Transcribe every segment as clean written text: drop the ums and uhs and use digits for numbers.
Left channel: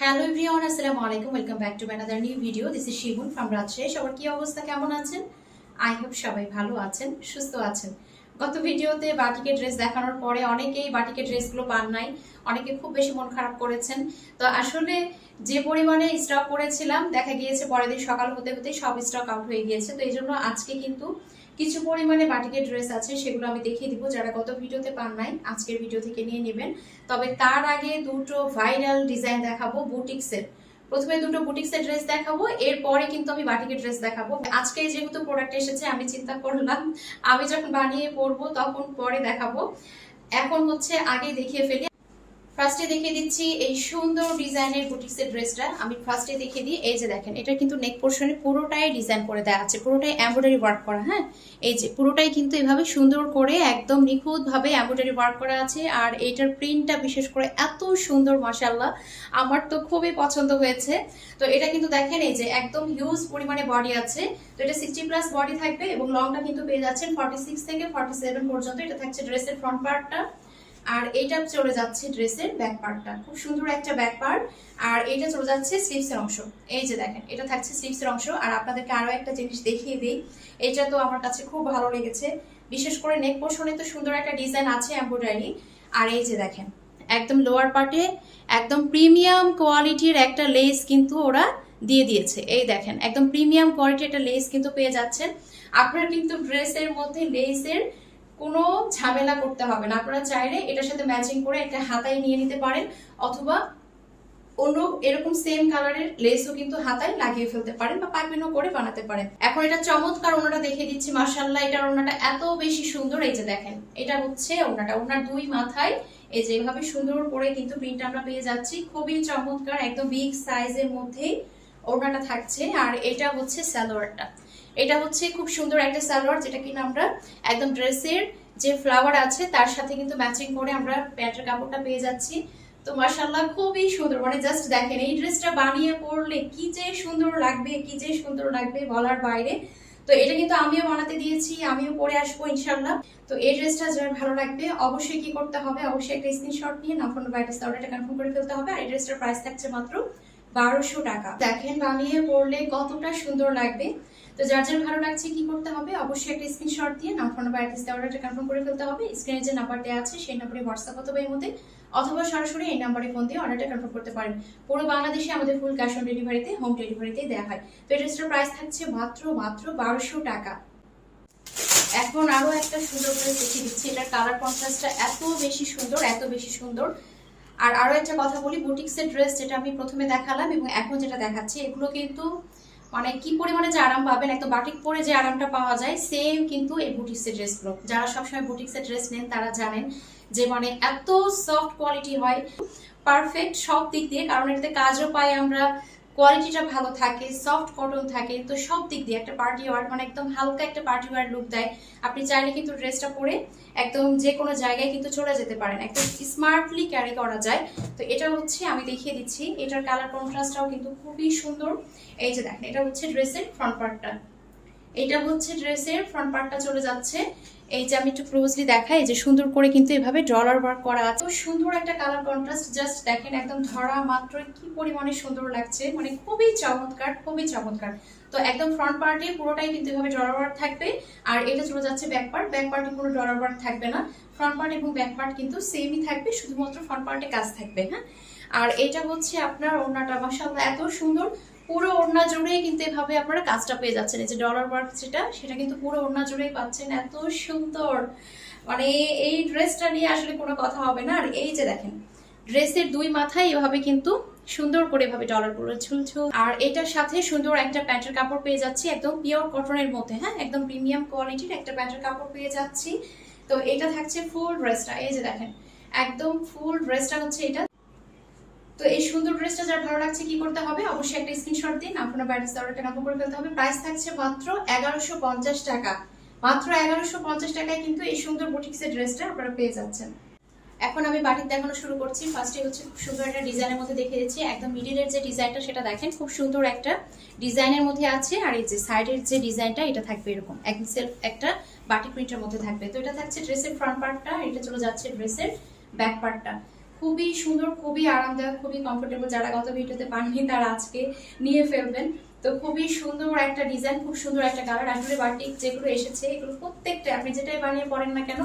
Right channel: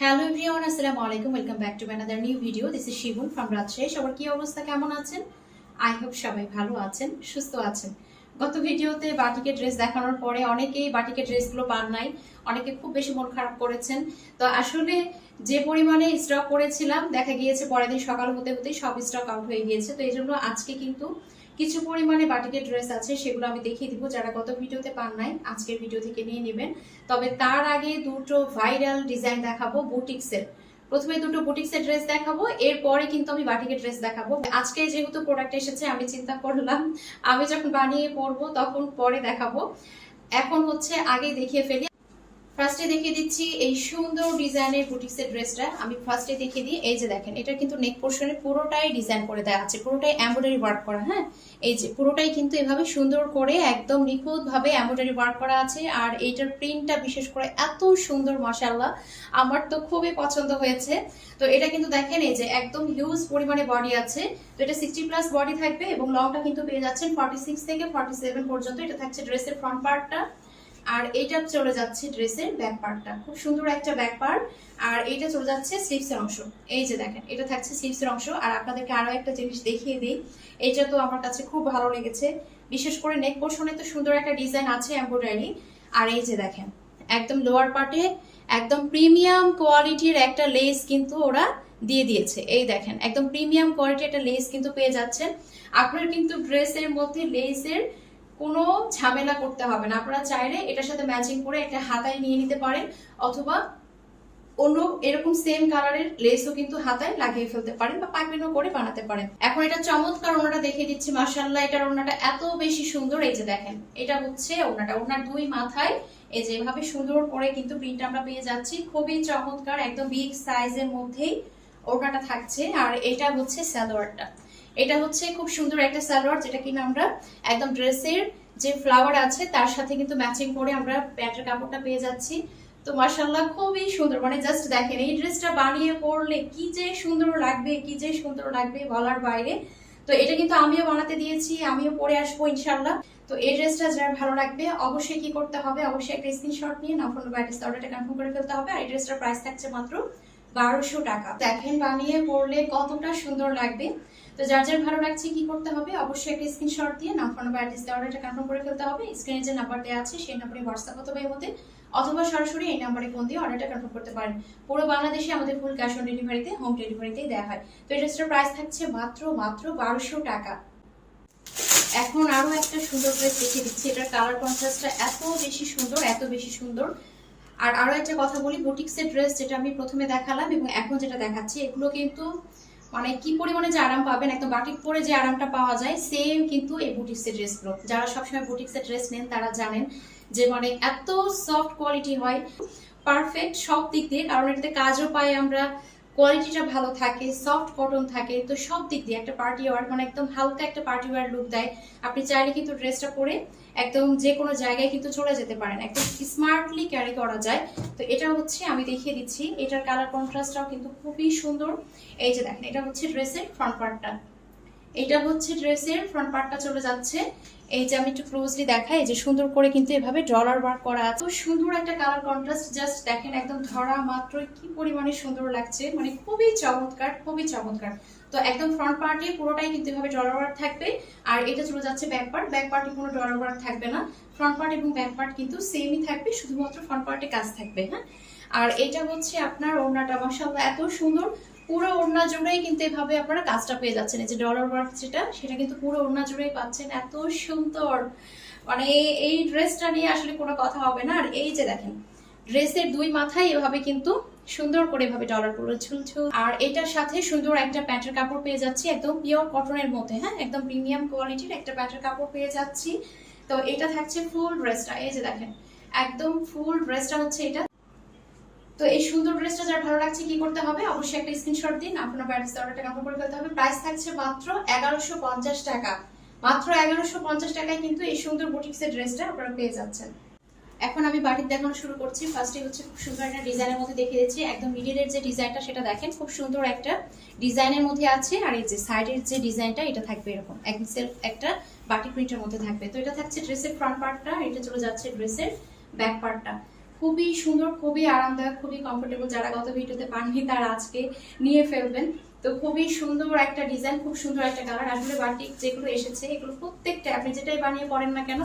Hello everyone, আসসালামু আলাইকুম। Welcome back to another new video. This is Shibun from Rajshahi. সবার কি অবস্থা, কেমন আছেন? আই হোপ সবাই ভালো আছেন, সুস্থ আছেন। গত ভিডিওতে বাটিকের ড্রেস দেখানোর পরে অনেকেই বাটিকের ড্রেসগুলো পান নাই, অনেকে খুব বেশি মন খারাপ করেছেন। তো আসলে যে পরিমাণে স্টক করেছিলাম দেখা গিয়েছে পরের দিন সকাল হতে হতেই সব স্টক আউট হয়ে গিয়েছে। তো এই জন্য আজকে কিন্তু কিছু পরিমাণে বাটিকের ড্রেস আছে, সেগুলো আমি দেখিয়ে দিব। যারা গত ভিডিওতে পান নাই আজকের ভিডিও থেকে নিয়ে নেবেন। তবে তার আগে দুটো ভাইরাল ডিজাইন দেখাবো বুটিক্সের। প্রথমে দুটো বুটিক্সের ড্রেস দেখাবো, এরপরে কিন্তু আমি বাটিকের ড্রেস দেখাবো। আজকে যেহেতু প্রোডাক্ট এসেছে আমি চিন্তা করলাম আমি যখন বানিয়ে পরবো তখন পরে দেখাবো। এখন হচ্ছে আগে দেখিয়ে ফেলি। ফার্স্টে দেখিয়ে দিচ্ছি এই সুন্দর ডিজাইনের বুটিক্সের ড্রেসটা। আমি ফার্স্টে দেখিয়ে দিই। এই যে দেখেন, এটা কিন্তু নেক পোর্শনে পুরোটাই ডিজাইন করে দেওয়া আছে, পুরোটাই এমব্রয়ডারি ওয়ার্ক করা। হ্যাঁ, এই যে পুরোটাই কিন্তু এভাবে সুন্দর করে একদম নিখুঁত ভাবে এমব্রয়ডারি ওয়ার্ক করা আছে। আর এইটার প্রিন্টটা বিশেষ করে এত সুন্দর, মাশাআল্লাহ, আমার তো খুবই পছন্দ হয়েছে। তো এটা কিন্তু দেখেন, এই যে একদম হিউজ পরিমাণে বডি আছে। তো এটা 60+ বডি থাকবে এবং লংটা কিন্তু পেয়ে যাচ্ছেন 46 থেকে 47 পর্যন্ত। এটা থাকছে ড্রেসের ফ্রন্ট পার্টটা, আর এইটা চলে যাচ্ছে ড্রেসের ব্যাক পার্টটা। খুব সুন্দর একটা ব্যাক পার্ট। আর এইটা চলে যাচ্ছে স্লিভসের অংশ। এই যে দেখেন, এটা থাকছে স্লিভসের অংশ। আর আপনাদেরকে আরো একটা জিনিস দেখিয়ে দিই, এটা তো আমার কাছে খুব ভালো লেগেছে। বিশেষ করে নেক পোর্শনে তো সুন্দর একটা ডিজাইন আছে এমব্রয়ডারি। আর এই যে দেখেন, একদম লোয়ার পার্টে একদম প্রিমিয়াম কোয়ালিটির একটা লেস কিন্তু ওরা দিয়ে দিয়েছে। এই দেখেন, একদম প্রিমিয়াম কোয়ালিটির একটা লেস কিন্তু পেয়ে যাচ্ছেন। আপনার কিন্তু ড্রেসের মধ্যে লেসের কোনো ঝামেলা করতে হবে না। আপনারা চাইলে এটার সাথে ম্যাচিং করে একটা হাতায় নিয়ে নিতে পারেন, অথবা অন্য এরকম সেম কালারের লেসও কিন্তু হাতায় লাগিয়ে ফেলতে পারেন বা পাইপিনও করে বানাতে পারেন। এখন এটা চমৎকার ওনাটা দেখিয়ে দিচ্ছি। মাশাআল্লাহ, এটার ওনাটা এত বেশি সুন্দর। এই যে দেখেন, এটা হচ্ছে ওনাটা। ওনার দুই মাথায় এই যে এভাবে সুন্দর করে কিন্তু প্রিন্ট আমরা পেয়ে যাচ্ছি। খুবই চমৎকার, একদম বিগ সাইজের মধ্যেই ওড়নাটা থাকছে। আর এটা হচ্ছে সালোয়ারটা। এটা হচ্ছে খুব সুন্দর একটা সালোয়ার, যেটা কিনা আমরা একদম ড্রেসের যে ফ্লাওয়ার আছে তার সাথে কিন্তু ম্যাচিং করে আমরা প্যান্টের কাপড়টা পেয়ে যাচ্ছি। তো মাশাআল্লাহ, খুবই সুন্দর। মানে জাস্ট দেখেন, এই ড্রেসটা বানিয়ে পরলে কি যে সুন্দর লাগবে, কি যে সুন্দর লাগবে বলার বাইরে। তো এটা কিন্তু আমিও বানাতে দিয়েছি, আমিও পরে আসবো ইনশাআল্লাহ। তো এই ড্রেসটা যার ভালো লাগবে অবশ্যই কি করতে হবে, অবশ্যই একটা স্ক্রিনশট নিয়ে নাম্বার অ্যাড্রেস অর্ডারটা কনফার্ম করে ফেলতে হবে। আর এই ড্রেসটার প্রাইস থাকছে মাত্র 1200 টাকা। দেখেন বানিয়ে পরলে কতটা সুন্দর লাগবে। তো যার যার ভালো লাগছে কি করতে হবে, অবশ্যই একটা স্ক্রিনশট দিয়ে নাম্বার অ্যাড্রেস অর্ডারটা কনফার্ম করে ফেলতে হবে। স্ক্রিনে যে নাম্বার দেওয়া আছে সেই নাম্বারে হোয়াটসঅ্যাপ অথবা ইমোতে অথবা সরাসরি এই নাম্বারে ফোন দিয়ে অর্ডারটা কনফার্ম করতে পারেন। পুরো বাংলাদেশে আমাদের ফুল ক্যাশ অন ডেলিভারিতে, হোম ডেলিভারিতে দেওয়া হয়। তো এই ড্রেসটার প্রাইস থাকছে মাত্র 1200 টাকা। এখন আরো একটা সুন্দর ড্রেস দেখিয়ে দিচ্ছি। এটার কালার কন্ট্রাস্টটা এত বেশি সুন্দর, এত বেশি সুন্দর। আর আরো একটা কথা বলি, বুটিক্সের ড্রেস যেটা আমি প্রথমে দেখালাম এবং এখন যেটা দেখাচ্ছি, এগুলো কিন্তু মানে কি পরিমাণে যে আরাম পাবেন, একদম বাটিক পরে যে আরামটা পাওয়া যায় সেম কিন্তু এই বুটিক্সের ড্রেসগুলো। যারা সবসময় বুটিক্সের ড্রেস নেন তারা জানেন যে মানে এত সফট কোয়ালিটি হয়, পারফেক্ট সব দিক দিয়ে। কারণ এটাতে কাজও পাই আমরা, কোয়ালিটিটা ভালো থাকে, সফট কটন থাকে। তো সব দিক দিয়ে একটা পার্টি ওয়ার, মানে একদম হালকা একটা পার্টি ওয়ার লুক দেয়। আপনি চাইলে কিন্তু ড্রেসটা পরে একদম যে কোনো জায়গায় কিন্তু চলে যেতে পারেন, একদম স্মার্টলি ক্যারি করা যায়। তো এটা হচ্ছে আমি দেখিয়ে দিচ্ছি, এটার কালার কন্ট্রাস্টটাও কিন্তু খুবই সুন্দর। এই যে দেখেন, এটা হচ্ছে ড্রেসের ফ্রন্ট পার্টটা। এটা হচ্ছে ড্রেসের ফ্রন্ট পার্টটা চলে যাচ্ছে। এই যে আমি একটু ক্লোজলি দেখাই, যে সুন্দর করে কিন্তু এভাবে ডলার ওয়ার্ক করা আছে। সুন্দর একটা কালার কন্ট্রাস্ট, জাস্ট দেখেন একদম ধরা মাত্র কি পরিমাণে সুন্দর লাগছে, মানে খুবই চমৎকার, খুবই চমৎকার। তো একদম ফ্রন্ট পার্টে পুরোটাই কিন্তু এভাবে ডলার ওয়ার্ক থাকবে। আর এটা চলে যাচ্ছে ব্যাক পার্ট। ব্যাক পার্টে কোনো ডলার ওয়ার্ক থাকবে না, ফ্রন্ট পার্ট এবং ব্যাক পার্ট কিন্তু সেমই থাকবে, শুধুমাত্র ফ্রন্ট পার্টে কাজ থাকবে। হ্যাঁ, আর এটা হচ্ছে আপনার ওড়নাটা। মাশাআল্লাহ, এত সুন্দর। পুরো ওড়না জুড়েই কিন্তু এভাবে আপনারা কাজটা পেয়ে যাচ্ছেন। এই যে ডলার ওয়ার্ক সেটা কিন্তু পুরো ওড়না জুড়েই পাচ্ছেন। এত সুন্দর, মানে এই ড্রেসটা নিয়ে আসলে কোনো কথা হবে না। আর এই যে দেখেন, ড্রেসের দুই মাথায় এভাবে কিন্তু সুন্দর করে এভাবে ডলার গুলো ঝুলঝুল। আর এটার সাথে সুন্দর একটা প্যান্টের কাপড় পেয়ে যাচ্ছি, একদম পিওর কটনের মধ্যে। হ্যাঁ, একদম প্রিমিয়াম কোয়ালিটির একটা প্যান্টের কাপড় পেয়ে যাচ্ছি। তো এটা থাকছে ফুল ড্রেসটা। এই যে দেখেন, একদম ফুল ড্রেসটা হচ্ছে এটা। তো এই সুন্দর ড্রেসটা যার ভালো লাগছে কি করতে হবে, অবশ্যই একটা স্ক্রিনশট দিন, আপনার ব্যাটারি অর্ডারটা কনফার্ম করে ফেলতে হবে। প্রাইস থাকছে মাত্র 1150 টাকা। মাত্র 1150 টাকায় কিন্তু এই সুন্দর বুটিক্সের ড্রেসটা আপনারা পেয়ে যাচ্ছেন। এখন আমি বাটিক দেখানো শুরু করছি। ফার্স্টে হচ্ছে খুব সুন্দর একটা ডিজাইনের মধ্যে দেখিয়ে দিচ্ছি। একদম মিডিলের যে ডিজাইনটা সেটা দেখেন, খুব সুন্দর একটা ডিজাইনের মধ্যে আছে। আর এই যে সাইডের যে ডিজাইনটা এটা থাকবে এরকম একদম সেলফ একটা বাটিক প্রিন্টের মধ্যে থাকবে। তো এটা থাকছে ড্রেসের ফ্রন্ট পার্টটা, এটা চলে যাচ্ছে ড্রেসের ব্যাক পার্টটা। খুবই সুন্দর, খুবই আরামদায়ক, খুবই কমফোর্টেবল। যারা গত ভিডিওতে পাননি তারা আজকে নিয়ে ফেলবেন। তো খুবই সুন্দর একটা ডিজাইন, খুব সুন্দর একটা কালার। আসলে বাটিক যেগুলো এসেছে এগুলো প্রত্যেকটা আপনি যেটাই বানিয়ে পরেন না কেন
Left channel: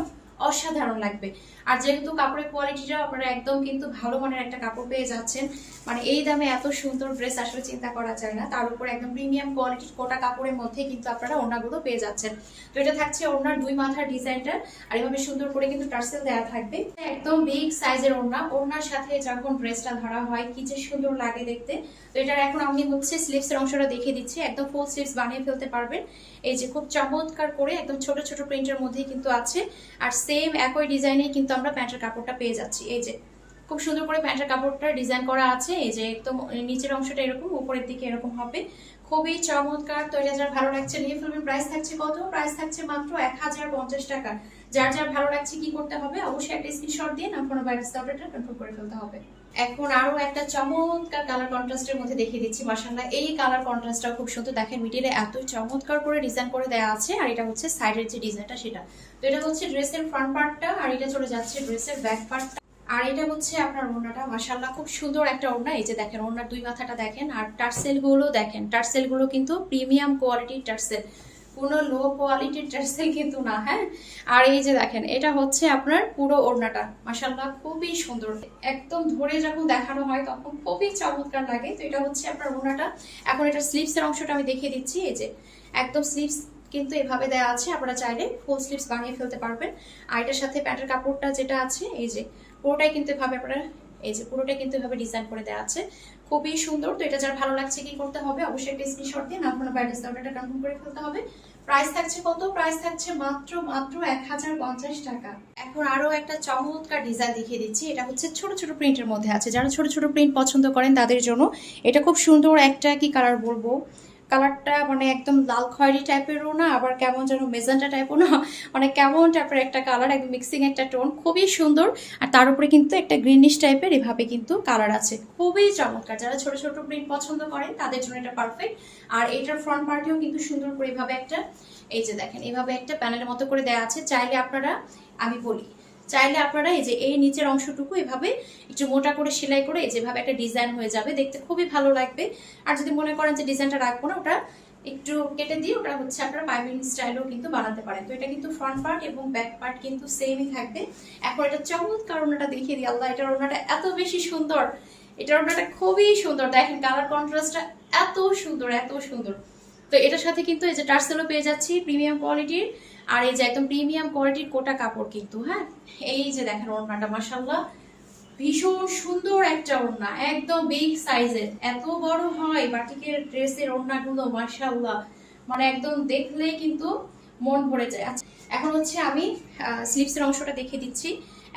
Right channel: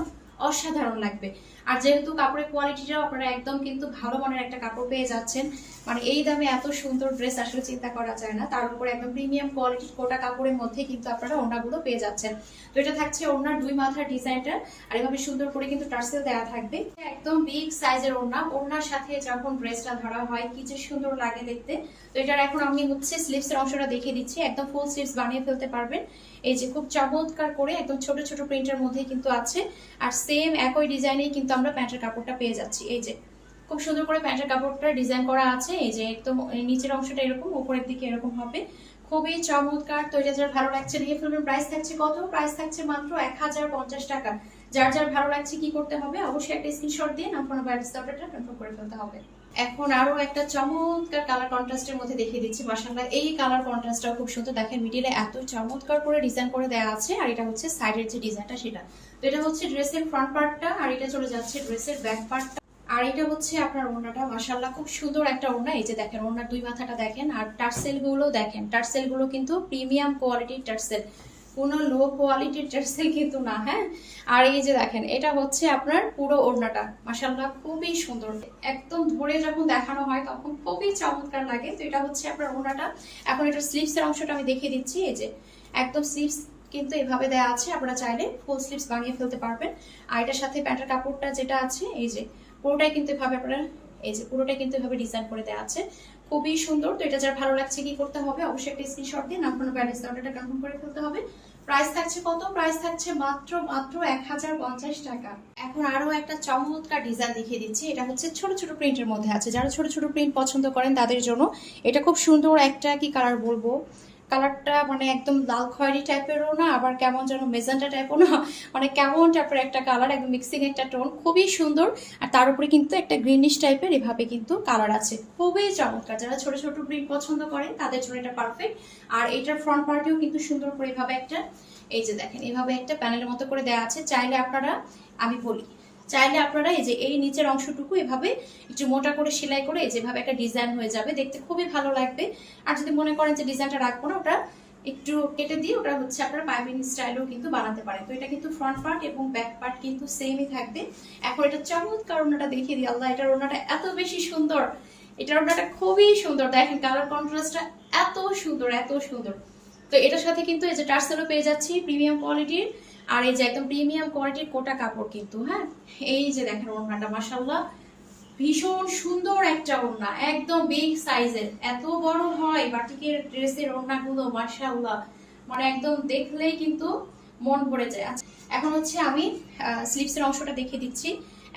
অসাধারণ লাগবে। আর যেহেতু কাপড়ের কোয়ালিটিটাও আপনারা একদম কিন্তু ভালো মানের একটা কাপড় পেয়ে যাচ্ছেন, মানে এই দামে এত সুন্দর ড্রেস আসলে চিন্তা করা যায় না। তার উপর একদম প্রিমিয়াম কোয়ালিটির কোটা কাপড়ের মধ্যে কিন্তু আপনারা ওড়নাগুলো পেয়ে যাচ্ছেন। তো এটা থাকছে ওড়নার 2 মাথার ডিজাইনটা, আর এভাবে সুন্দর করে কিন্তু টার্সেল দেওয়া থাকবে। একদম বিগ সাইজের ওড়না, ওড়নার সাথে যখন ড্রেসটা ধরা হয় কি যে সুন্দর লাগে দেখতে। তো এটার এখন আমি হচ্ছে স্লিভসের অংশটা দেখিয়ে দিচ্ছি। একদম ফুল স্লিভস বানিয়ে ফেলতে পারবেন। এই যে খুব চমৎকার করে একদম ছোট ছোট প্রিন্টের মধ্যে কিন্তু আছে, আর সেম একই ডিজাইনে কিন্তু আমরা প্যান্টের কাপড়টা পেয়ে যাচ্ছি। এই যে খুব সুন্দর করে প্যান্টের কাপড়টা ডিজাইন করা আছে। এই যে একদম নিচের অংশটা এরকম, উপরের দিকে এরকম হবে, খুবই চমৎকার। তো এটা যার ভালো লাগছে নিয়ে ফেলবেন। প্রাইস থাকছে কত? প্রাইস থাকছে মাত্র 1050 টাকা। যার যার ভালো লাগছে কি করতে হবে, অবশ্যই একটা স্ক্রিনশট দিয়ে আপনার বাইরের অর্ডারটা কনফার্ম করে ফেলতে হবে। এখন আরো একটা চমৎকার কালার কন্ট্রাস্টের মধ্যে দেখিয়ে দিচ্ছি। মাশাআল্লাহ এই কালার কন্ট্রাস্টটাও খুব সুন্দর। দেখেন মিডিলে এত চমৎকার করে ডিজাইন করে দেওয়া আছে, আর এটা হচ্ছে সাইডের যে ডিজাইনটা সেটা। তো এটা হচ্ছে ড্রেসের ফ্রন্ট পার্টটা, আর এটা চলে যাচ্ছে ড্রেসের ব্যাক পার্টটা, আর এটা হচ্ছে আপনার ওড়নাটা। মাশাআল্লাহ খুব সুন্দর একটা ওড়না। এই যে দেখেন ওড়নার 2 মাথাটা দেখেন, আর টার্সেল গুলো দেখেন, টার্সেল গুলো কিন্তু প্রিমিয়াম কোয়ালিটির টার্সেল, কোনো লো কোয়ালিটির টার্সেল কিন্তু না। হ্যাঁ, আর এই যে দেখেন এটা হচ্ছে আপনার পুরো ওড়নাটা। মাশাআল্লাহ খুবই সুন্দর, একদম ধরে যখন দেখানো হয় তখন খুবই চমৎকার লাগে। তো এটা হচ্ছে আপনার ওড়নাটা। এখন এটা স্লিভসের অংশটা আমি দেখিয়ে দিচ্ছি। এই যে একদম স্লিভস কিন্তু এভাবে দেওয়া আছে, আপনারা চাইলে ফুল স্লিভস বানিয়ে ফেলতে পারবেন। আর এটার সাথে প্যান্টের কাপড়টা যেটা আছে এই যে পুরোটাই কিন্তু এভাবে আপনারা, এই যে পুরোটাই কিন্তু এভাবে ডিজাইন করে দেওয়া আছে, খুবই সুন্দর। তো এটা যার ভালো লাগছে কি করতে হবে, অবশ্যই একটা স্ক্রিনশট দিয়ে আপনার বাইরের অর্ডারটা কনফার্ম করে ফেলতে হবে। প্রাইস থাকছে কত? প্রাইস থাকছে মাত্র 1050 টাকা। এখন আরো একটা চমৎকার ডিজাইন দেখিয়ে দিচ্ছি। এটা হচ্ছে ছোট ছোট প্রিন্টের মধ্যে আছে। যারা ছোট ছোট প্রিন্ট পছন্দ করেন তাদের জন্য এটা খুব সুন্দর একটা, কি কালার বলবো, কালারটা মানে একদম লাল খয়েরি টাইপেরও না, আবার কেমন যেন মেজেন্টা টাইপও না, মানে কেমন টাইপের একটা কালার, একদম মিক্সিং একটা টোন, খুবই সুন্দর। আর তার উপরে কিন্তু একটা গ্রিনিশ টাইপের এভাবে কিন্তু কালার আছে, খুবই চমৎকার। যারা ছোট ছোট প্রিন্ট পছন্দ করেন তাদের জন্য এটা পারফেক্ট। আর এটার ফ্রন্ট পার্টেও কিন্তু সুন্দর করে এভাবে একটা, এই যে দেখেন এভাবে একটা প্যানেলের মতো করে দেওয়া আছে। চাইলে আপনারা, আমি বলি, চাইলে আপনারা এই যে এই নিচের অংশটুকু এভাবে একটু মোটা করে সেলাই করে যেভাবে একটা ডিজাইন হয়ে যাবে, দেখতে খুবই ভালো লাগবে। আর যদি মনে করেন যে ডিজাইনটা রাখবো না, ওটা একটু কেটে দিয়ে ওটা হচ্ছে আপনারা পাইপিং স্টাইলও কিন্তু বানাতে পারেন। তো এটা কিন্তু ফ্রন্ট পার্ট এবং ব্যাক পার্ট কিন্তু সেমই থাকবে। এখন এটা চমৎকার ওড়নাটা দেখিয়ে দিই। আল্লাহ, এটার ওড়নাটা এত বেশি সুন্দর, এটার ওড়নাটা খুবই সুন্দর। দেখেন কালার কন্ট্রাস্টটা এত সুন্দর, এত সুন্দর। তো এটার সাথে কিন্তু এই যে টার্সেলও পেয়ে যাচ্ছি প্রিমিয়াম কোয়ালিটির, আর এই যে একদম প্রিমিয়াম কোয়ালিটির কোটা কাপড় কিন্তু। হ্যাঁ, এই যে দেখেন ওড়নাটা মাশাআল্লাহ ভীষণ সুন্দর একটা ওড়না, একদম বিগ সাইজের। এত বড় হয় বাটিকের ড্রেসের ওড়নাগুলো মাশাআল্লাহ, মানে একদম দেখলেই কিন্তু মন ভরে যায়। আচ্ছা, এখন হচ্ছে আমি স্লিভসের অংশটা দেখিয়ে দিচ্ছি।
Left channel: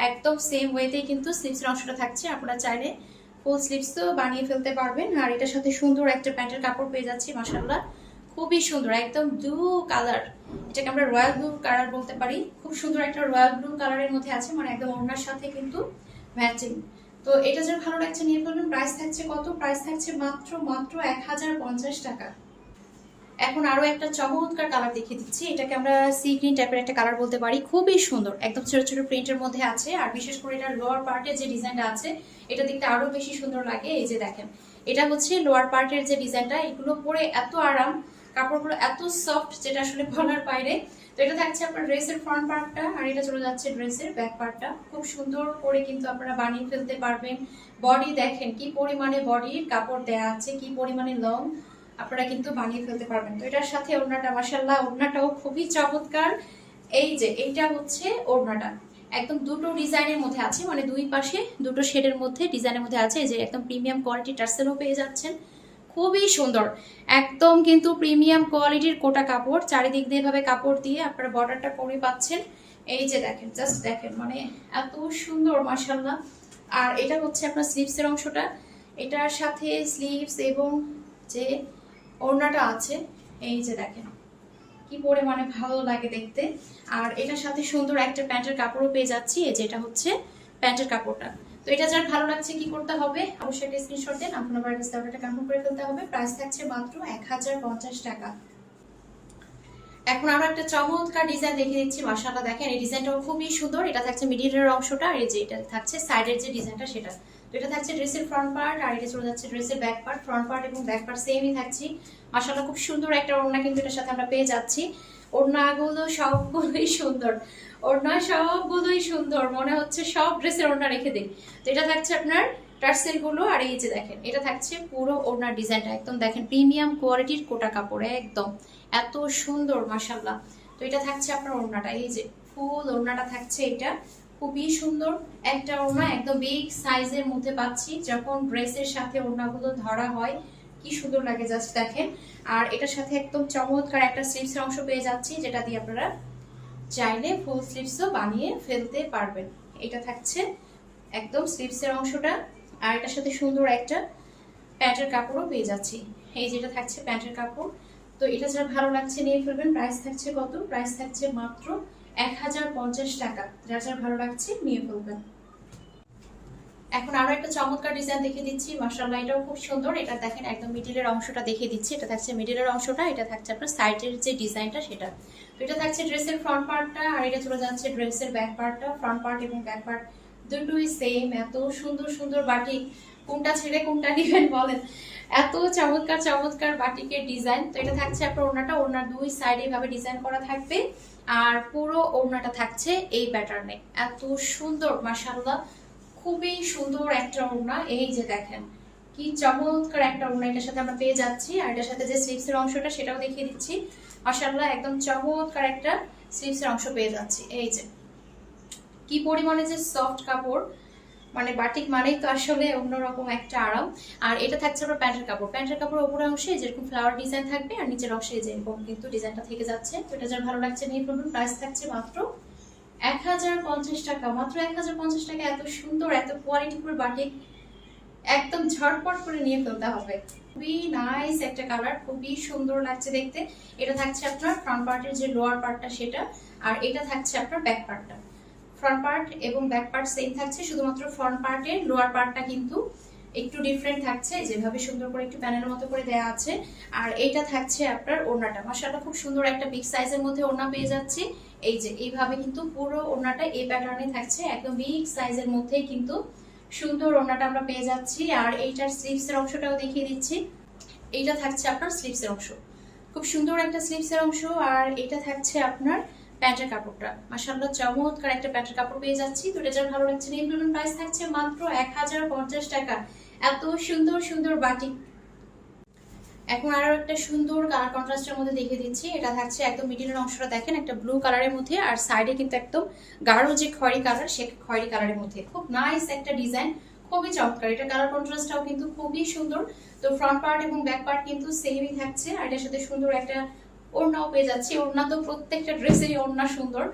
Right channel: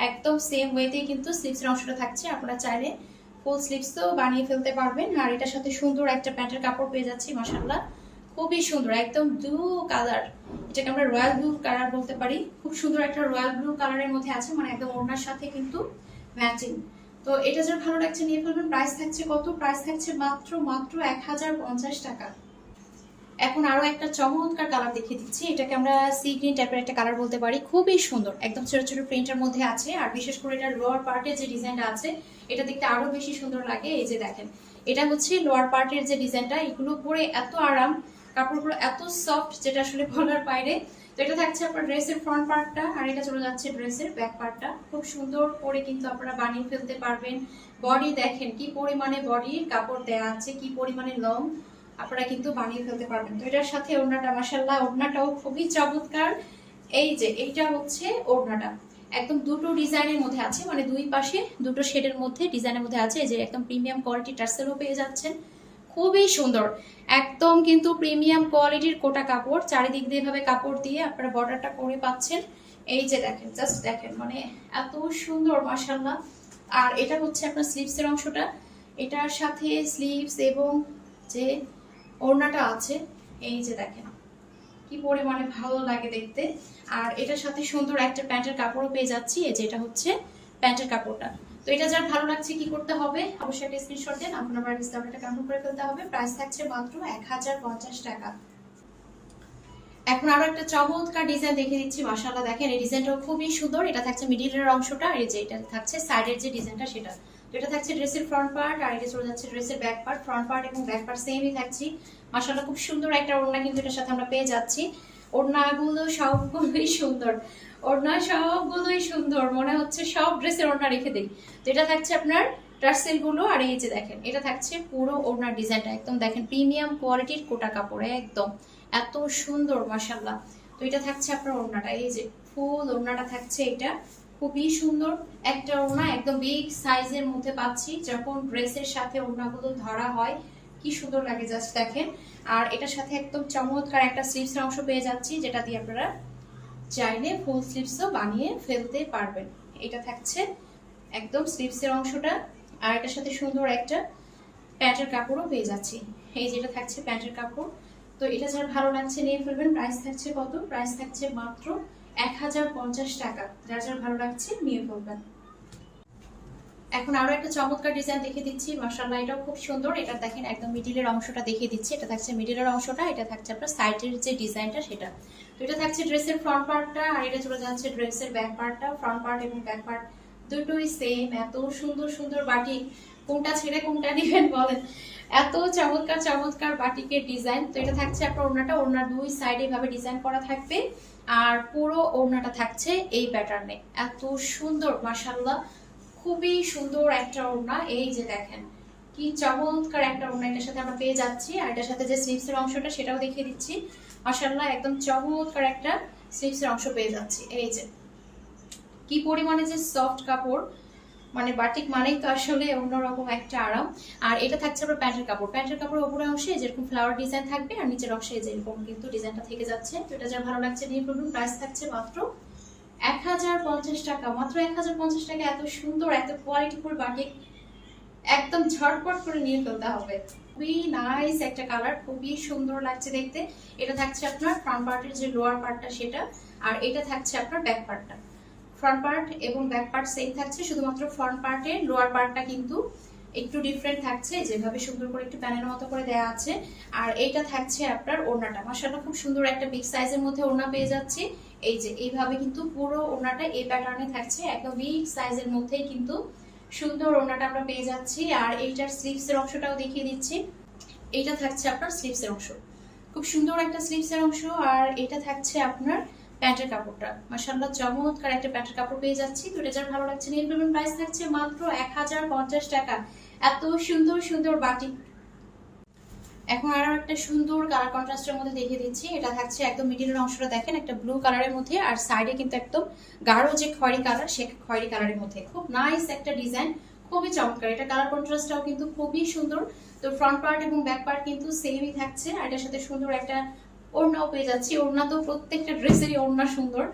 একদম সেম ওয়েতেই কিন্তু স্লিভসের অংশটা থাকছে। আপনারা চাইলে ফুল স্লিভসও বানিয়ে ফেলতে পারবেন। আর এটার সাথে সুন্দর একটা প্যান্টের কাপড় পেয়ে যাচ্ছি মাশাআল্লাহ, খুবই সুন্দর, একদম ব্লু কালার, এটাকে আমরা রয়্যাল ব্লু কালার বলতে পারি। খুব সুন্দর একটা রয়্যাল ব্লু কালারের মধ্যে আছে, মানে একদম ওড়নার সাথে কিন্তু ম্যাচিং। তো এটা যার ভালো লাগছে নিয়ে ফেলবেন। প্রাইস থাকছে কত? প্রাইস থাকছে মাত্র 1050 টাকা। এখন আরো একটা চমৎকার কালার দেখিয়ে দিচ্ছি। এটাকে আমরা সি গ্রিন টাইপের একটা কালার বলতে পারি, খুবই সুন্দর, একদম ছোট ছোট প্রিন্টের মধ্যে আছে। আর বিশেষ করে এটা লোয়ার পার্টে যে ডিজাইনটা আছে এটা দেখতে আরো বেশি সুন্দর লাগে। এই যে দেখেন এটা হচ্ছে লোয়ার পার্টের যে ডিজাইনটা, এগুলো পরে এত আরাম, কাপড়গুলো এত সফট যেটা আসলে বলার বাইরে। তো এটা থাকছে আপনার ড্রেসের ফ্রন্ট পার্টটা, আর এটা চলে যাচ্ছে ড্রেসের ব্যাক পার্টটা। খুব সুন্দর করে কিন্তু আপনারা বানিয়ে ফেলতে পারবেন। বডি দেখেন কি পরিমাণে বডির কাপড় দেয়া আছে, কি পরিমাণে লং, আপনারা কিন্তু বানিয়ে ফেলতে পারবেন। তো এটার সাথে ওড়নাটা মাশাআল্লাহ, ওড়নাটাও খুবই চমৎকার। এই যে এইটা হচ্ছে ওড়নাটা, একদম দুটো ডিজাইনের মধ্যে আছে, মানে দুই পাশে দুটো শেডের মধ্যে ডিজাইনের মধ্যে আছে। এই যে একদম প্রিমিয়াম কোয়ালিটি টার্সেলও পেয়ে যাচ্ছেন, খুবই সুন্দর, একদম কিন্তু প্রিমিয়াম কোয়ালিটির কোটা কাপড়। চারিদিক দিয়ে এভাবে কাপড় দিয়ে আপনারা বর্ডারটা করে পাচ্ছেন। এই যে দেখেন, জাস্ট দেখেন, মানে এত সুন্দর মাশাআল্লাহ। আর এটা হচ্ছে আপনার স্লিভসের অংশটা, এটার সাথে স্লিভস এবং যে ওড়নাটা আছে, এই যে দেখেন কি পরিমাণে ভালো লাগে দেখতে। আর এটার সাথে সুন্দর একটা প্যান্টের কাপড়ও পেয়ে যাচ্ছি। এই যে এটা হচ্ছে প্যান্টের কাপড়টা। তো এটা যার ভালো লাগছে কি করতে হবে, অবশ্যই একটা স্ক্রিনশট দেন, আপনার বাড়ির অর্ডারটা কনফার্ম করে ফেলতে হবে। প্রাইস থাকছে মাত্র 1050 টাকা। এখন আরো একটা চমৎকার ডিজাইন দেখিয়ে দিচ্ছি। মাশাআল্লাহ দেখেন এই ডিজাইনটাও খুবই সুন্দর। এটা থাকছে মিডিলের অংশটা, আর এই যে এটা থাকছে সাইডের যে ডিজাইনটা সেটা। তো এটা থাকছে ড্রেসের ফ্রন্ট পার্ট, আর এটা চলে যাচ্ছে ড্রেসের ব্যাক পার্ট। ফ্রন্ট পার্ট এবং ব্যাক পার্ট সেমই থাকছে। মাশাআল্লাহ খুব সুন্দর একটা ওড়না কিন্তু এটার সাথে আমরা পেয়ে যাচ্ছি। ওড়নাগুলো সবগুলোই সুন্দর, ওড়না সবগুলোই সুন্দর, মনে হচ্ছে সব ড্রেসের ওড়না রেখে দিই। তো এটা থাকছে আপনার টার্সেল গুলো, আর এই যে দেখেন এটা থাকছে পুরো ওড়নার ডিজাইনটা একদম দেখেন প্রিমিয়াম কোয়ালিটির কোটা কাপড়ে একদম এত সুন্দর মাশাআল্লাহ। তো এটা থাকছে আপনার ওড়নাটা, এই যে ফুল ওড়নাটা থাকছে এটা খুবই সুন্দর একটা ওড়না, একদম বিগ সাইজের মধ্যে পাচ্ছি। যখন ড্রেসের সাথে ওড়নাগুলো ধরা হয় কি সুন্দর লাগে জাস্ট দেখেন। আর এটার সাথে একদম চমৎকার একটা স্লিভস অংশ পেয়ে যাচ্ছি, যেটা দিয়ে আপনারা চাইলে ফুল স্লিভসও বানিয়ে ফেলতে পারবেন। এটা থাকছে একদম স্লিভসের অংশটা, আর এটার সাথে সুন্দর একটা প্যান্টের কাপড়ও পেয়ে যাচ্ছি। এই যেটা থাকছে প্যান্টের কাপড়। তো এটা যার ভালো লাগছে নিয়ে ফেলবেন। প্রাইস থাকছে কত? প্রাইস থাকছে মাত্র 1050 টাকা। যার যার ভালো লাগছে নিয়ে ফেলবেন। এখন আরো একটা চমৎকার ডিজাইন দেখিয়ে দিচ্ছি। মাশাআল্লাহ এটাও খুব সুন্দর। এটা দেখেন একদম মিডিলের অংশটা দেখিয়ে দিচ্ছি। এটা থাকছে মিডিলের অংশটা, এটা থাকছে আপনার সাইডের যে ডিজাইনটা সেটা। তো এটা থাকছে ড্রেসের ফ্রন্ট পার্টটা, আর এটা চলে যাচ্ছে ড্রেসের ব্যাক পার্টটা। ফ্রন্ট পার্ট এবং ব্যাক পার্ট দুটোই সেম। এত সুন্দর সুন্দর বাটিক, কোনটা ছেড়ে কোনটা নেবেন বলেন, এত চমৎকার চমৎকার বাটিকের ডিজাইন। তো এটা থাকছে আপনার ওড়নাটা, ওড়নার দুই সাইডে এভাবে ডিজাইন করা থাকবে, আর পুরো ওড়নাটা থাকছে এই প্যাটার্নে। এত সুন্দর মাশাআল্লাহ, খুবই সুন্দর একটা ওড়না। এই যে দেখেন কি চমৎকার একটা ওড়না এটার সাথে আমরা পেয়ে যাচ্ছি। আর এটার সাথে যে স্লিভসের অংশটা সেটাও দেখিয়ে দিচ্ছি। মাশাআল্লাহ একদম চমৎকার একটা স্লিভসের অংশ পেয়ে যাচ্ছি। এই যে কি পরিমাণে যে সফট কাপড়, মানে বাটিক মানেই তো আসলে অন্যরকম একটা আরাম। আর এটা থাকছে আপনার প্যান্টের কাপড়। প্যান্টের কাপড় উপরের অংশে যেরকম ফ্লাওয়ার ডিজাইন থাকবে, আর নিচের অংশে যেরকম কিন্তু ডিজাইনটা থেকে যাচ্ছে। তো এটা যার ভালো লাগছে নিয়ে ফেলুন। প্রাইস থাকছে মাত্র 1050 টাকা। মাত্র 1050 টাকা। এত সুন্দর এত কোয়ালিটিফুল বাটিক একদম ঝটপট করে নিয়ে ফেলতে হবে। খুবই নাইস একটা কালার, খুবই সুন্দর লাগছে দেখতে। এটা থাকছে আপনার ফ্রন্ট পার্টের যে লোয়ার পার্টটা সেটা, আর এটা থাকছে আপনার ব্যাক পার্টটা। ফ্রন্ট পার্ট এবং ব্যাক পার্ট সেম থাকছে, শুধুমাত্র ফ্রন্ট পার্টের লোয়ার পার্টটা কিন্তু একটু ডিফারেন্ট থাকছে, যেভাবে সুন্দর করে একটু প্যানেলের মতো করে দেয়া আছে। আর এইটা থাকছে আপনার ওড়নাটা। মাশাআল্লাহ খুব সুন্দর একটা বিগ সাইজের মধ্যে ওড়না পেয়ে যাচ্ছি। এই যে এইভাবে কিন্তু পুরো ওড়নাটা এই প্যাটার্নে থাকছে, একদম বিগ সাইজের মধ্যেই কিন্তু সুন্দর ওড়নাটা আমরা পেয়ে যাচ্ছি। আর এইটার স্লিভসের অংশটাও দেখিয়ে দিচ্ছি। এইটা থাকছে আপনার স্লিভসের অংশ, খুব সুন্দর একটা স্লিভসের অংশ। আর এটা থাকছে আপনার প্যান্টের কাপড়টা। মাশাআল্লাহ চমৎকার একটা প্যান্টের কাপড় পেয়ে যাচ্ছি। তো এটা যার ভালো লাগছে নিয়ে ফেলুন। প্রাইস থাকছে মাত্র 1050 টাকা। এত সুন্দর সুন্দর বাটিক। এখন আরো একটা সুন্দর কালার কন্ট্রাস্টের মধ্যে দেখিয়ে দিচ্ছি। এটা থাকছে একদম মিডিলের অংশটা দেখেন একটা ব্লু কালারের মধ্যে, আর সাইডে কিন্তু একদম গাঢ় যে খয়েরি কালার, সে খয়েরি কালারের মধ্যে খুব নাইস একটা ডিজাইন, খুবই চমৎকার। এটা কালার কন্ট্রাস্টটাও কিন্তু খুবই সুন্দর। তো ফ্রন্ট পার্ট এবং ব্যাক পার্ট কিন্তু সেমই থাকছে, আর এটার সাথে সুন্দর একটা ওড়নাও পেয়ে যাচ্ছি। ওড়না তো প্রত্যেকটা ড্রেসেরই ওড়না সুন্দর,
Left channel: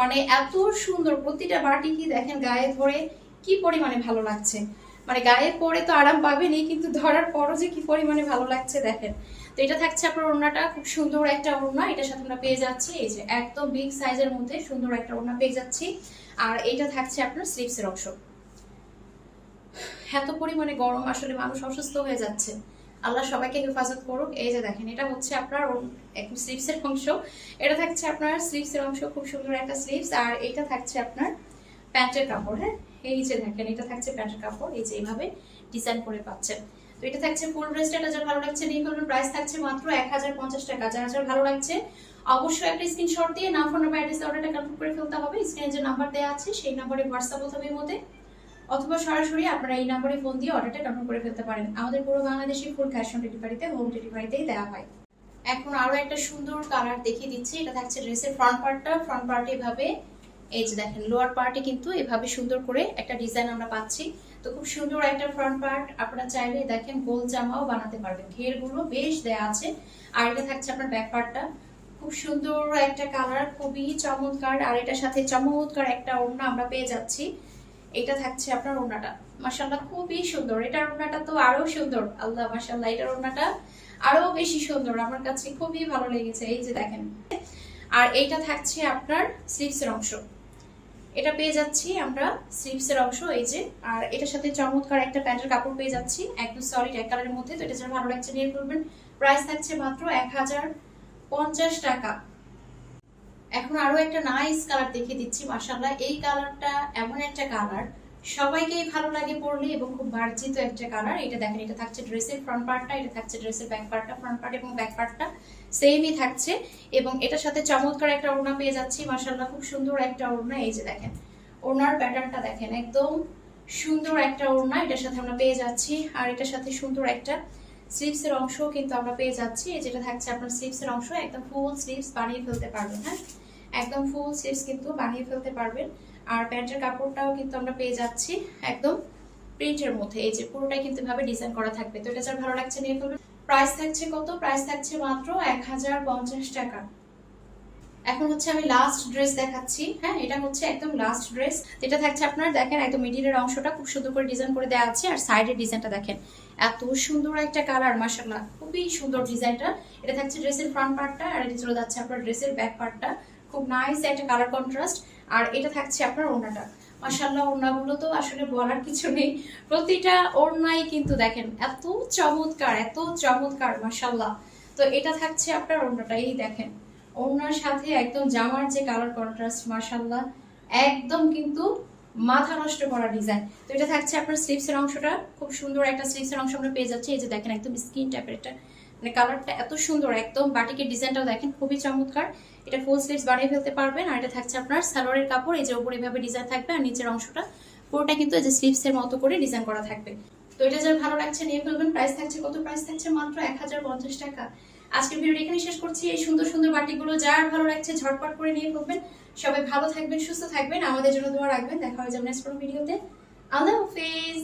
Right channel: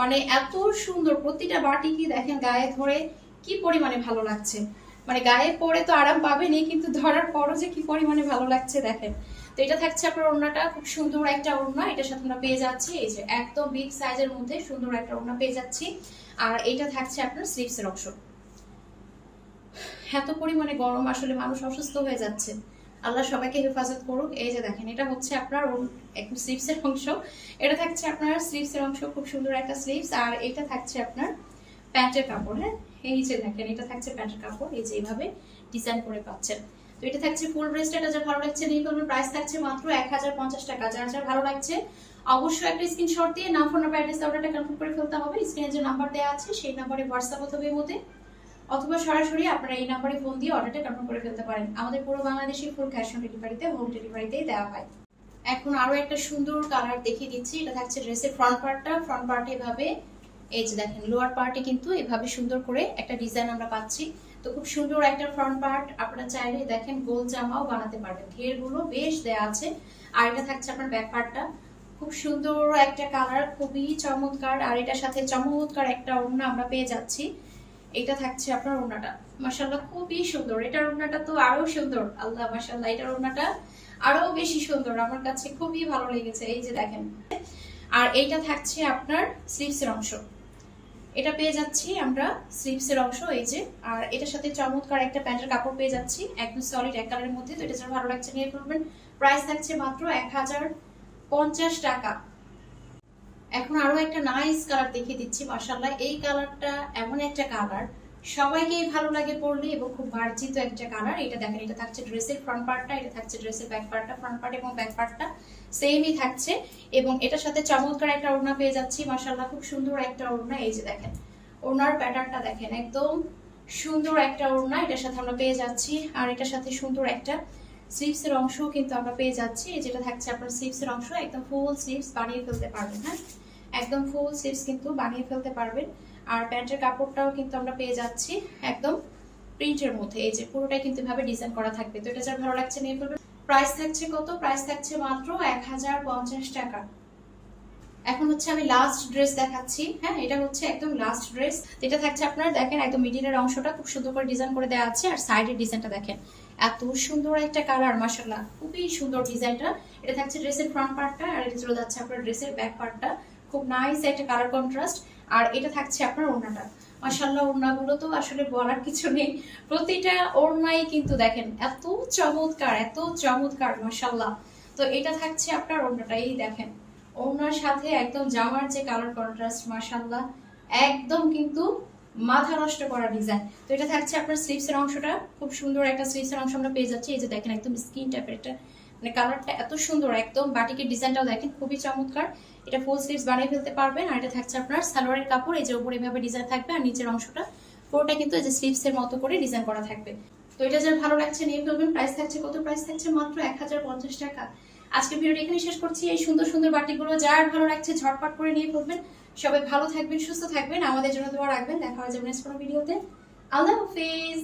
মানে এত সুন্দর প্রতিটা বাটিকই দেখেন গায়ে ধরে কি পরিমাণে ভালো লাগছে। মানে গায়ে পরে তো আরাম পাবেনি, কিন্তু ধরার পরও যে কি পরিমাণে ভালো লাগছে দেখেন। তো এটা থাকছে আপনার ওড়নাটা, খুব সুন্দর একটা ওড়না এটার সাথে আমরা পেয়ে যাচ্ছি। এই যে একদম বিগ সাইজের মধ্যে সুন্দর একটা ওড়না পেয়ে যাচ্ছি। আর এটা থাকছে আপনার স্লিভসের অংশ। এত পরিমাণে গরম, আসলে মানুষ অসুস্থ হয়ে যাচ্ছে, আল্লাহ সবাইকে হেফাজত করুক। এই যে দেখেন এটা হচ্ছে আপনার একদম স্লিভসের অংশ। এটা থাকছে আপনার স্লিভসের অংশ, খুব সুন্দর একটা স্লিভস। আর এটা থাকছে আপনার প্যান্টের কাপড়। হ্যাঁ এই যে দেখেন এটা থাকছে প্যান্টের কাপড়, এই যে এইভাবে ডিজাইন করে পাচ্ছেন। তো এটা থাকছে ফুল ড্রেসটা। এটা যার ভালো লাগছে নিয়ে ফেলবেন। প্রাইস থাকছে মাত্র 1050 টাকা। যার যার ভালো লাগছে অবশ্যই একটা স্ক্রিনশট দিয়ে নাম, ফোন নাম্বার, অ্যাড্রেস অর্ডারটা কনফার্ম করে ফেলতে হবে। স্ক্রিনে যে নাম্বার দেওয়া আছে সেই নাম্বারে হোয়াটসঅ্যাপ হতে হবে মধ্যে, অথবা সরাসরি আপনারা এই নাম্বারে ফোন দিয়ে অর্ডারটা কনফার্ম করে ফেলতে পারেন। আমাদের পুরো বাংলাদেশে ফুল ক্যাশ অন ডেলিভারিতে, হোম ডেলিভারিতেই দেওয়া হয়। এখন আরো একটা সুন্দর কালার দেখিয়ে দিচ্ছি। এটা থাকছে ড্রেসের ফ্রন্ট পার্টটা। ফ্রন্ট পার্টে এভাবে এই যে দেখেন লোয়ার পার্টে কিন্তু এভাবে সুন্দর করে একটা ডিজাইন আমরা পাচ্ছি। তো খুব সুন্দর একটা ফ্রন্ট পার্ট, আপনারা চাইলে দেখেন গোল জামাও বানাতে পারবেন, ঘেরগুলো বেশ দেয়া আছে। আর এটা থাকছে আপনার ব্যাক পার্টটা, খুব সুন্দর একটা কালার, খুবই চমৎকার। আর এটার সাথে চমৎকার একটা ওড়না আমরা পেয়ে যাচ্ছি। এটা থাকছে আপনার ওড়নাটা। মাশাআল্লাহ খুবই সুন্দর। এটার ওড়নাটা তো আরো সুন্দর, আল্লাহ মাশাআল্লাহ এটার ওড়নাটা আরো বেশি সুন্দর, আমার কাছে খুবই ভালো লেগেছে। এই যে দেখেন, আর এইটা থাকছে আপনার স্লিভসের অংশ। এটা পেয়ে যাচ্ছি আমরা স্লিভসের অংশ, এই যে। আর এটার সাথে চমৎকার একটা প্যান্টের কাপড় পেয়ে যাচ্ছি, একদম সলিড এক কালারের মধ্যে। তো এটা যারা ভালো লাগছে নিয়ে করবেন। প্রাইস থাকছে মাত্র 1050 টাকা। এখন আরো একটা নাইস কালার দেখিয়ে দিচ্ছি। মাশাআল্লাহ, এই কালারটা এমন একটা কালার সবাইকেই ভালো লাগে পরলে এবং খুব মার্জিত একটা কালার। এটা দেখেন, এটা থাকছে ড্রেসের ফ্রন্ট পার্টটা, এটা থাকছে ড্রেসের ব্যাক পার্টটা। ফ্রন্ট পার্ট এবং ব্যাক পার্টটা সেমই থাকছে এবং এটার সাথে চমৎকার একটা ওড়না পেয়ে যাচ্ছি। মাশাআল্লাহ, খুব সুন্দর একটা ওড়না। এই যে দেখেন ওড়নার প্যাটার্নটা দেখেন, একদম সুন্দর একটা ওড়না এটার সাথে আমরা পেয়ে যাচ্ছি। আর এটার সাথে সুন্দর একটা স্লিভসের অংশও কিন্তু আমরা পেয়ে যাচ্ছি। এই যেটা থাকছে আপনার স্লিভসের অংশ, একদম ফুল স্লিভস বানিয়ে ফেলতে পারবেন। হ্যাঁ, একদম ফুল স্লিভস কিন্তু বানিয়ে ফেলতে পারবেন। আর প্যান্টের কাপড়টাও কিন্তু আমরা পেয়ে যাচ্ছি একদম প্রিন্টের মধ্যে। এই যে পুরোটাই কিন্তু ভাবে ডিজাইন করা থাকবে। তো এটা যার ভালো লাগছে নিয়ে ফেলবেন। প্রাইস থাকছে কত? প্রাইস থাকছে মাত্র 1050 টাকা। এখন হচ্ছে আমি লাস্ট ড্রেস দেখাচ্ছি। হ্যাঁ, এটা হচ্ছে একদম লাস্ট ড্রেস। এটা থাকছে আপনার দেখেন একদম মিডিলের অংশটা খুব সুন্দর করে ডিজাইন করে দেওয়া আছে। আর সাইডের ডিজাইনটা দেখেন, এত সুন্দর একটা কালার, মাশাআল্লাহ খুবই সুন্দর ডিজাইনটা। এটা থাকছে ড্রেসের ফ্রন্ট পার্টটা, আর এটা চলে যাচ্ছে আপনার ড্রেসের ব্যাক পার্টটা। খুব নাইস একটা কালার কন্ট্রাস্ট। আর এটা থাকছে আপনার ওড়নাটা। মাশাআল্লাহ, ওড়নাগুলো তো আসলে বলার কিছু নেই, প্রতিটা ওড়নাই কিন্তু দেখেন এত চমৎকার, এত চমৎকার, মাশাআল্লাহ। তো এটা থাকছে আপনার ওড়নাটা, এই দেখেন ওড়নার সাথে একদম জামার যে কালার কন্ট্রাস্ট, মাশাআল্লাহ একদম কিন্তু মাথা নষ্ট করা ডিজাইন। তো এটা থাকছে আপনার স্লিভসের অংশটা, খুব সুন্দর একটা স্লিভসের অংশ আমরা পেয়ে যাচ্ছি। এই যে দেখেন একদম স্কিন টাইপের একটা, মানে কালারটা এত সুন্দর, একদম বাটিকের ডিজাইনটাও দেখেন খুবই চমৎকার। এটা ফুল স্লিভস বানিয়ে ফেলতে পারবেন। আর এটা থাকছে আপনার সালোয়ারের কাপড়, এই যে উপরে এভাবে ডিজাইন থাকবে আর নিচের অংশটা পুরোটা কিন্তু এই যে স্লিভসের মতো করে ডিজাইন করা থাকবে। তো এটা যার ভালো লাগছে নিয়ে ফেলবেন। প্রাইস থাকছে কত? প্রাইস থাকছে মাত্র 1050 টাকা। আজকের ভিডিও এখানে শেষ করছি। এই সুন্দর সুন্দর বাটিকগুলো যার ভালো লাগছে ঝটপট করে নিয়ে ফেলবেন। সবাই ভালো থাকবেন, সুস্থ থাকবেন, আমাদের জন্য দোয়া রাখবেন। দেখা হয়ে যাবে নেক্সট কোনো ভিডিওতে। আল্লাহ হাফেজ।